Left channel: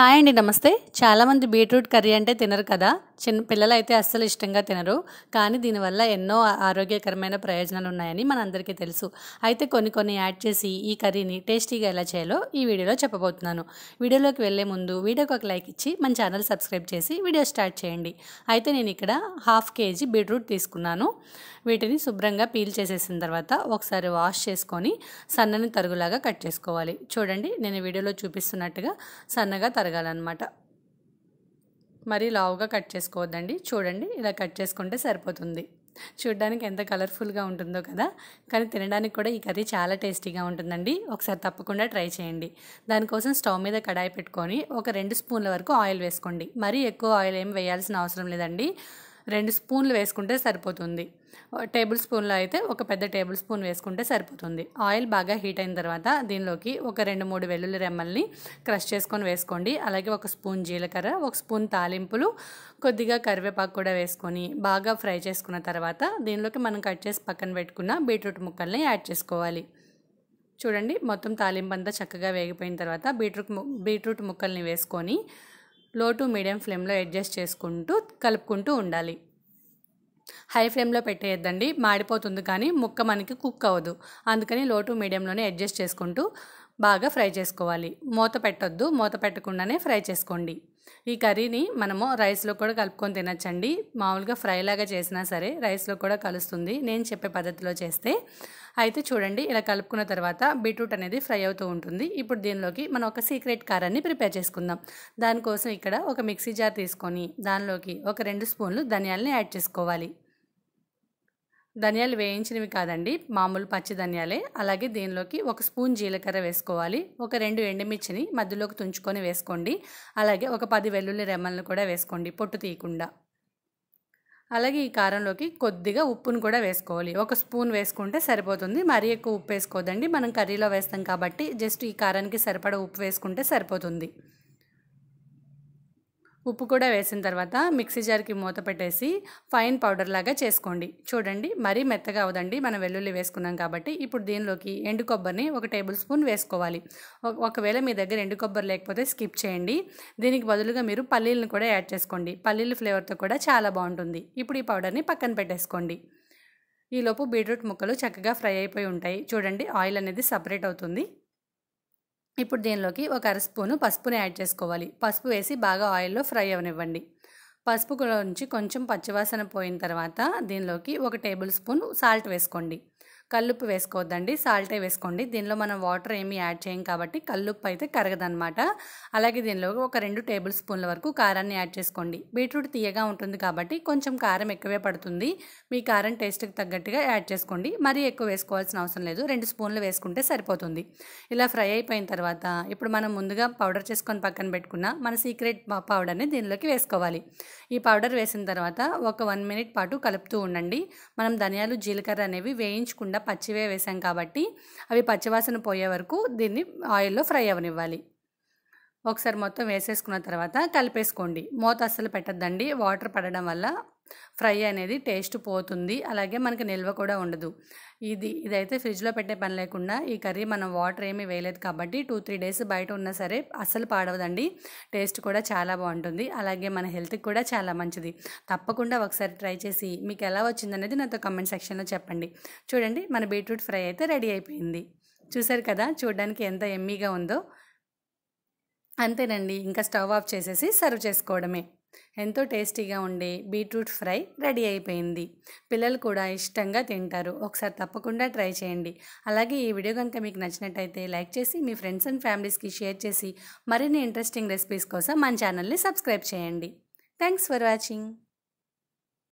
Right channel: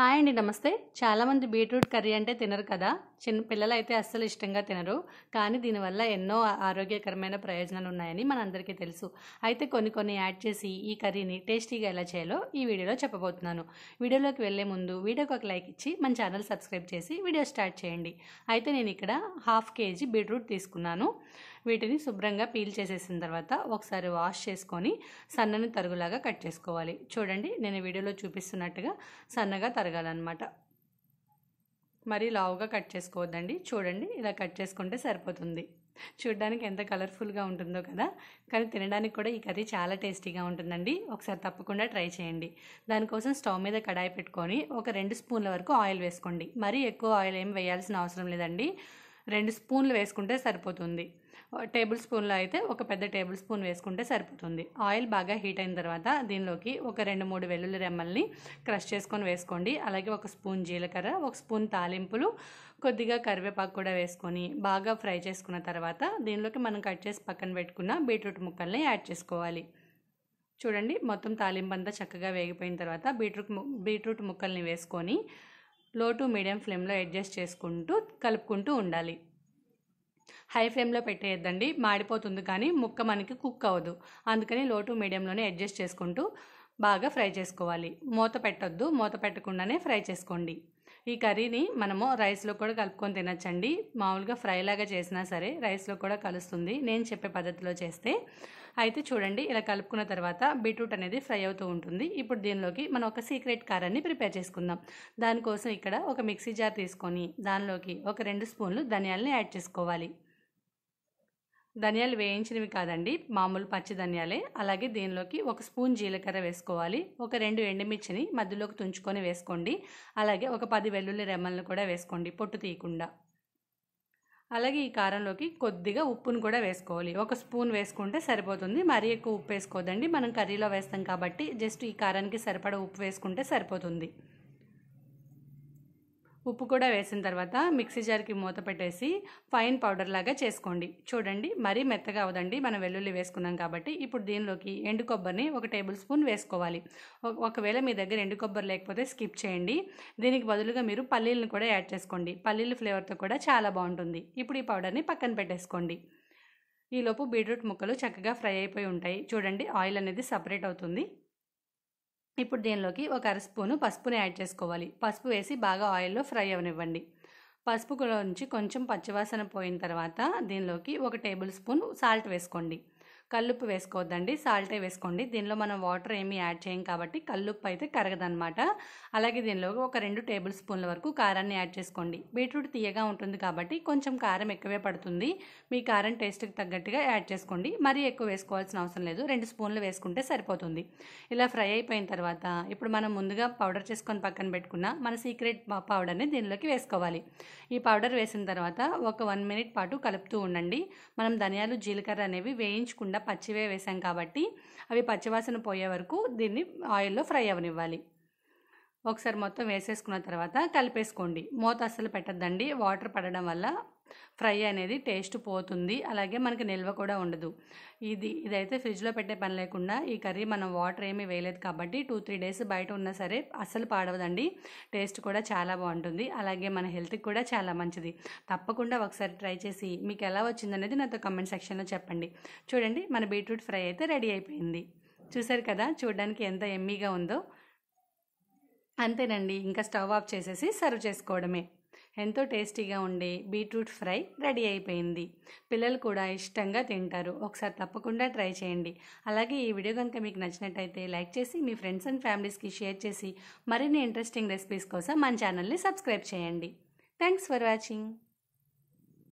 Hi అండి, నమస్తే. చాలామంది బీట్రూట్ కర్రీ అంటే తినరు కదా. చిన్న పిల్లలైతే అస్సలు ఇష్టంగా తినరు. కానీ దీనివల్ల ఎన్నో ఆరోగ్యకరమైన ప్రయోజనాలు ఉన్నాయని మనందరికీ తెలుసు. అయితే కొన్ని యాడ్ చేసి ఈ కర్రీని టేస్టీగా ఎలా చేయాలో ఈ వీడియోలో చెప్పబోతున్నాను. వీడియోలోకి వెళ్ళే ముందు వీడియోకి ఒక లైక్ ఇచ్చి మన ఛానల్ సబ్స్క్రైబ్ చేసి వీడియో స్టార్ట్ చేయండి. అయితే నేను ఇక్కడ 1/2 kg బీట్రూట్ తీసుకున్నాను. వీటిని శుభ్రంగా పీల్ చేసేసిన తర్వాత ఒకసారి వాష్ చేసుకొని సన్నని తరుగులాగా కట్ చేసుకోవాలి. చూడండి, నేను వీడియోలో చూపిస్తున్నట్టుగా సన్నగా తరగాలన్నమాట. మరీ లావుగా కట్ చేసుకోవద్దండి. చూడండి, ఇలా కట్ చేసుకుంటే సరిపోతుంది. చూడడానికి ఎంత కలర్ఫుల్గా ఉంటుందో కదా, కానీ తినడానికి కూడా ఈ కర్రీ చాలా టేస్టీగా ఉంటుందండి. ఒకసారి తప్పకుండా ట్రై చేయండి. దానికోసం స్టవ్ మీద కడాయి పెట్టుకొని ఒక 2 స్పూన్ల వరకు ఆయిల్ వేసుకోండి. మరీ ఎక్కువ ఆయిల్ ఏం వేయాల్సిన అవసరం లేదండి. 2 స్పూన్లు వేసుకుంటే సరిపోతుంది. టేబుల్ స్పూన్లో అయితే ఒక పెద్ద టేబుల్ స్పూన్ వేసుకుంటే సరిపోతుంది. ఆయిల్ బాగా హీట్ అయిన తర్వాత దీనిలోకి ఒక 2-3 వెల్లుల్లి రెమ్మల్ని క్రష్ చేసుకొని వేసుకోండి. అలాగే 1 స్పూన్ జీలకర్ర, 1 స్పూన్ తాలింపులు, కొద్దిగా కరివేపాకు కూడా వేసుకొని బాగా ఫ్రై చేసుకున్న తర్వాత దీనిలోకి మనం కట్ చేసి పక్కన పెట్టుకున్న బీట్రూట్ ముక్కల్ని యాడ్ చేసుకోవాలి. చూడండి, మొత్తం తాలింపు అంతా చక్కగా వేగిపోయిన తర్వాత బీట్రూట్ ముక్కల్ని వేసుకొని లో టు మీడియం ఫ్లేమ్లో అడ్జస్ట్ చేసుకుంటూ కలుపుకుంటూ ఉండాలి. హై ఫ్లేమ్లో పెట్టేయద్దండి, మాడిపోతుంది, కానీ ముక్క మనకి కుక్ అవ్వదు. అందుకని లో టు మీడియంలోనే అడ్జస్ట్ చేసుకుంటూ బాగా ఫ్రై చేసుకోవాలి. మూత పెట్టొద్దు, మూత పెట్టకుండానే ఫ్రై చేసుకోండి. ఈ కర్రీని మనము రైస్లో కూడా కలుపుకొని తినచ్చండి. మామూలుగా ఫ్రైలాగా చేసినా సరే రైస్లో కూడా కలుస్తుంది, నేను చెప్పే పద్ధతిలో చేస్తే. అయితే చూడండి, ఇలా కలుపుకున్న తర్వాత బీట్రూట్ అనేది ఫ్రై అవుతూ ఉంటుంది. ఇప్పుడు దీనిలోకి మనం ఒక సీక్రెట్ కారాన్ని ప్రిపేర్ చేసుకుందాం. దానికోసం ఇక్కడ ఒక మిక్సీ జార్ తీసుకొని దానిలోకి ఒక 2 స్పూన్లు ధనియాలని యాడ్ చేసుకోవాలి. ధనియాలు వేయించినవి కాదండి, మామూలు పచ్చి ధనియాలే. అలాగే దీనిలోకి 1 స్పూన్ జీలకర్ర వేసుకోవాలి. ఒక 2 ఎండుమిర్చిని మధ్యలోకి తుంచుకొని వేసుకోండి. అలాగే ఒక 10 వెల్లుల్లి రెమ్మలను కూడా వేసుకోండి, పొట్టు తీయకుండా. అలాగే ఈ కారంలోకి కొద్దిగా ఉప్పును కూడా వేసుకోవాలి. 1 స్పూన్ వేసుకుంటే సరిపోతుంది. మరీ ఎక్కువ ఉప్పు వేసుకోవద్దండి, మనం కర్రీలో వేస్తాం కాబట్టి జస్ట్ ఈ కారానికి సరిపడా ఉప్పు వేసుకుంటే సరిపోతుంది. ఉప్పు కూడా వేసిన తర్వాత మిక్సీ జార్కి మూత పెట్టేసి ఫైన్ పౌడర్ లాగా చేసుకోండి. చూడండి, మరీ మెత్తగా అవదండి, మనం వెల్లుల్లి వేసుకున్నాం కాబట్టి. ఇప్పుడు దీనిలోకి ఎండు కొబ్బరిని 1 టేబుల్ స్పూన్ వేసుకోవాలి. ఒకవేళ మీ దగ్గర ఎండు కొబ్బరి లేకపోతే స్కిప్ చేయండి. దీనికి బదులుగా మీరు పల్లీలను కూడా యాడ్ చేసుకోండి. పల్లీల ఫ్లేవర్తో కూడా చాలా బాగుంటుంది. ఇప్పుడు ఈ పౌడర్ని పక్కన పెట్టేసుకోండి. ఈలోపు బీట్రూట్ ముక్కలు చక్కగా ఫ్రై అయిపోయి ఉంటాయి. చూడండి, ఆయిల్ అనేది సపరేట్ అవుతుంది. ఇప్పుడు దీనిలోకి ఒక 1/2 స్పూను పసుపుని యాడ్ చేసుకోవాలి. పసుపు వేసి బాగా ఆయిల్లో ఫ్రై అవనివ్వండి. పసుపు నుంచి కొంచెం పచ్చివాసన పోయిన తర్వాత దీనిలోకి 1 టేబుల్ స్పూన్ సాల్ట్ వేసుకోండి. కల్లుప్పు వేసుకోవద్దండి, సాల్టే వేసుకోండి. దీనిలో మనం వాటర్ ఏమీ యాడ్ చేయం కాబట్టి కల్లుప్పు అయితే కరగదనమాట. అలాగే దీనిలో ఒక 2 టేబుల్ స్పూన్ల వరకు కారాన్ని యాడ్ చేసుకోండి. బీట్రూట్ తీయగా ఉంటుంది కాబట్టి కొంచెం కారం ఎక్కువే పడుతుంది. మీ కారం టేస్ట్కి తగ్గట్టుగా యాడ్ చేసుకోండి. మరీ ఎక్కువ వేసుకోవాల్సిన అవసరం లేదు, 2 స్పూన్లు వేసుకుంటే సరిపోతుంది. ఇలా ఫ్రై అయిపోయిన తర్వాత ఇప్పుడు మనం ముందుగా పౌడర్ చేసుకొని పక్కన పెట్టుకున్న మన సీక్రెట్ పౌడర్ని దీనిలోకి వేసుకోవాలి. ఈ పౌడర్ వేసిన తర్వాత ఒక 1 మినిట్ పాటు కలుపుతూ ఉండండి. మనం ధనియాలు, జీలకర్ర అనేవి వేయించకుండా పచ్చివే వేసాం కాబట్టి అవి పచ్చివాసన పోయే వరకు దీన్ని ఆయిల్లో ఫ్రై అవనివ్వాలి. ఒకసారి మొత్తం వేసేసుకున్న తర్వాత కలిపేసుకోండి. మూత అస్సలు పెట్టద్దండి, వాటర్ పడడం వల్ల ఫ్రై అనేది టేస్ట్ పోతుంది. అలాగే మనకి నిల్వ కూడా ఉండదు. ఇదైతే ఫ్రిడ్జ్లో పెట్టే పని లేకుండా ఈ కర్రీ మనం వాటర్ ఏమీ వేయలేదు కాబట్టి 2-3 డేస్ బయట ఉన్నా సరే అస్సలు పాడవదండి. టేస్ట్ కూడా చాలా బాగుంటుంది. అలాగే మన హెల్త్కి కూడా చాలా మంచిది. తప్పకుండా ఒకసారి ట్రై చేసి మీకు ఎలా వచ్చిందనేది నాతో కామెంట్ సెక్షన్లో చెప్పండి. చూడండి, మన బీట్రూట్ ఫ్రై అయితే రెడీ అయిపోయింది. చూసారు కదా, చూడడానికి ఎంత ఎమ్మీగా ఉందో. అంతేనండి, ఇంకా స్టవ్ ఆఫ్ చేసేసి సర్వ్ చేసుకోవడమే. ఎంతో టేస్టీగా ఉండే బీట్రూట్ ఫ్రై రెడీ అయిపోయింది. పిల్లలు కూడా ఇష్టంగా తింటారు. ఒకసారి తప్పకుండా ట్రై చేయండి. అలాగే ఈ వీడియో కనుక మీకు నచ్చినట్టయితే లైక్ చేసి మీ ఫ్రెండ్స్ అండ్ ఫ్యామిలీస్కి షేర్ చేసి మరిన్ని ఇంట్రెస్టింగ్ రెసిపీస్ కోసం మన ఛానల్ని సబ్స్క్రైబ్ చేయండి. Thanks for watching.